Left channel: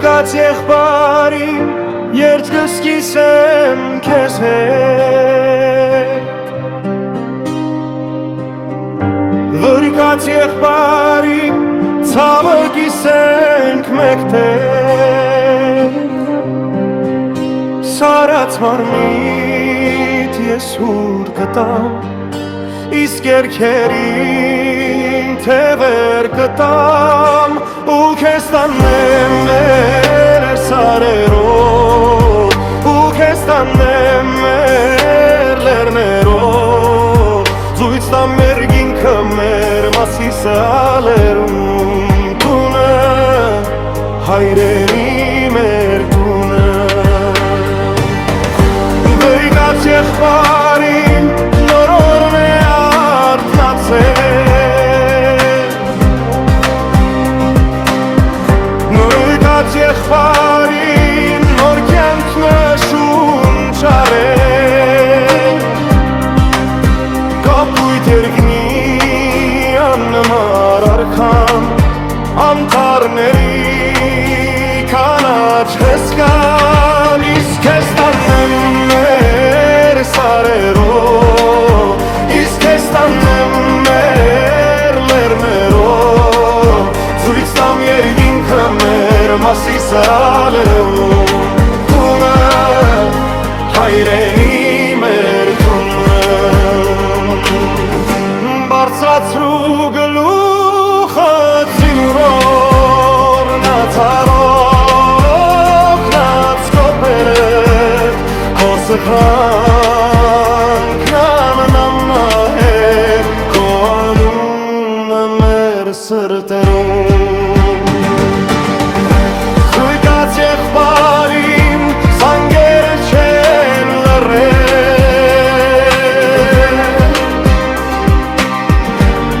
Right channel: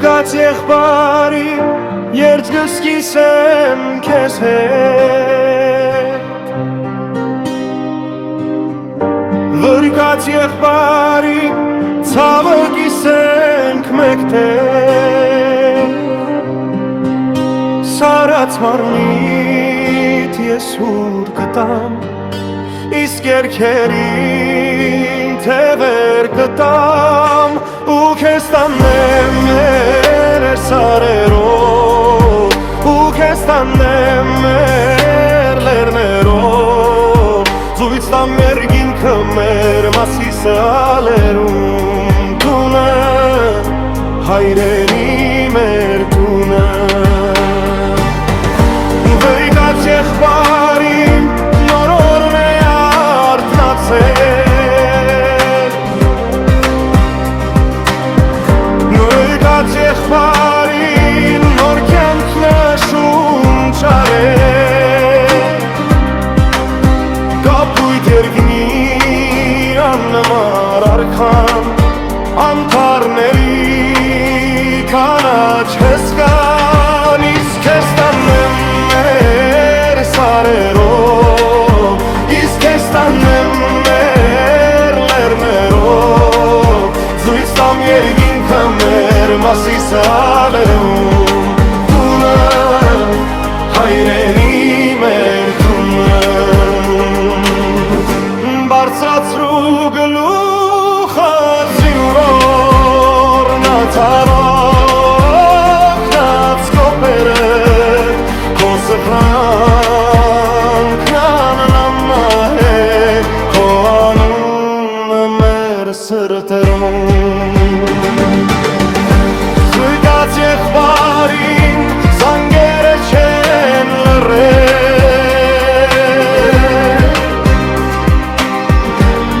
Վրկած եղբարին երդ կսկիսեմ քեզ հետ Վրկած եղբարին ցավը կիսենք մեկտեղ Սարած մարմիտ ես հուր կտամ Իսկ երկերին թևեր կտամ ու քեզ տանեմ մեր սարերով ու քեզ տանեմ մեր լեռներով զույց տամ երկինքը մեր մասիսալերում տունը հայրենի մեր տունը Վրկած եղբարին նորորն է արթնացել Վրկած եղբարին նոր կյանքն է շունչարել Կապույտ երկնի աննմար արքան Անտառների կանաչ հսկան Իսկ քեզ տանեմ մեր սարերով Իսկ քեզ տանեմ մեր լեռներով Զույց տամ երկինքը մեր մասիսալերում Տունը հայրենի մեր տունը Բարձրացրու գլուխը ծինուրորնաց արոքնաց կոպերդ Քո սխրանքն աննամա է Քո անունը մեր սրտերում Վրկած եղբարին զանգերը չեն լռել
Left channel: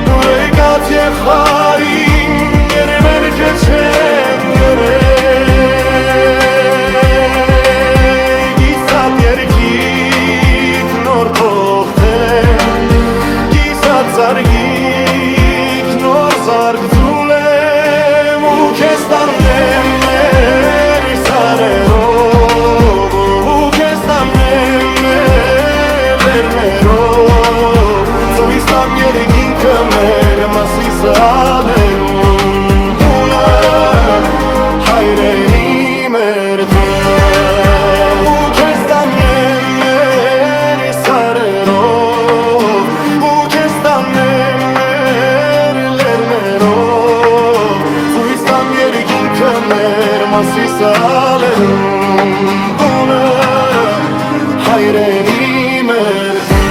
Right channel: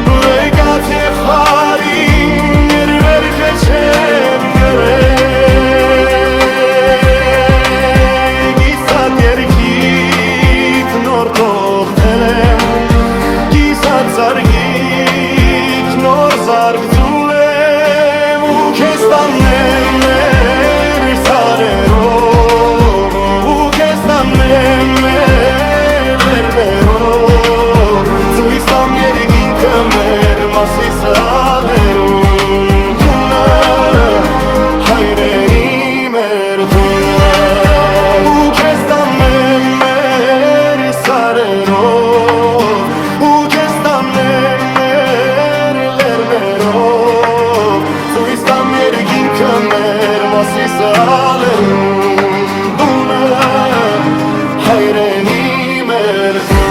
Վրկած եղբարին երվերքը չեն գրել Գիսատ երկիտ նոր թողթել եմ Գիսատ զարգիտ նոր զարգ ձուլ եմ ու քեզ տանեմ մեր սարերով ու քեզ տանեմ մեր լեռներով զույց տամ երկինքը մեր մասիսալերում տունը հայրենի մեր տունը ու քեզ տանեմ մեր սարերով ու քեզ տանեմ մեր լեռներով զույց տամ երկինքը մեր մասիսալերում տունը հայրենի մեր տունը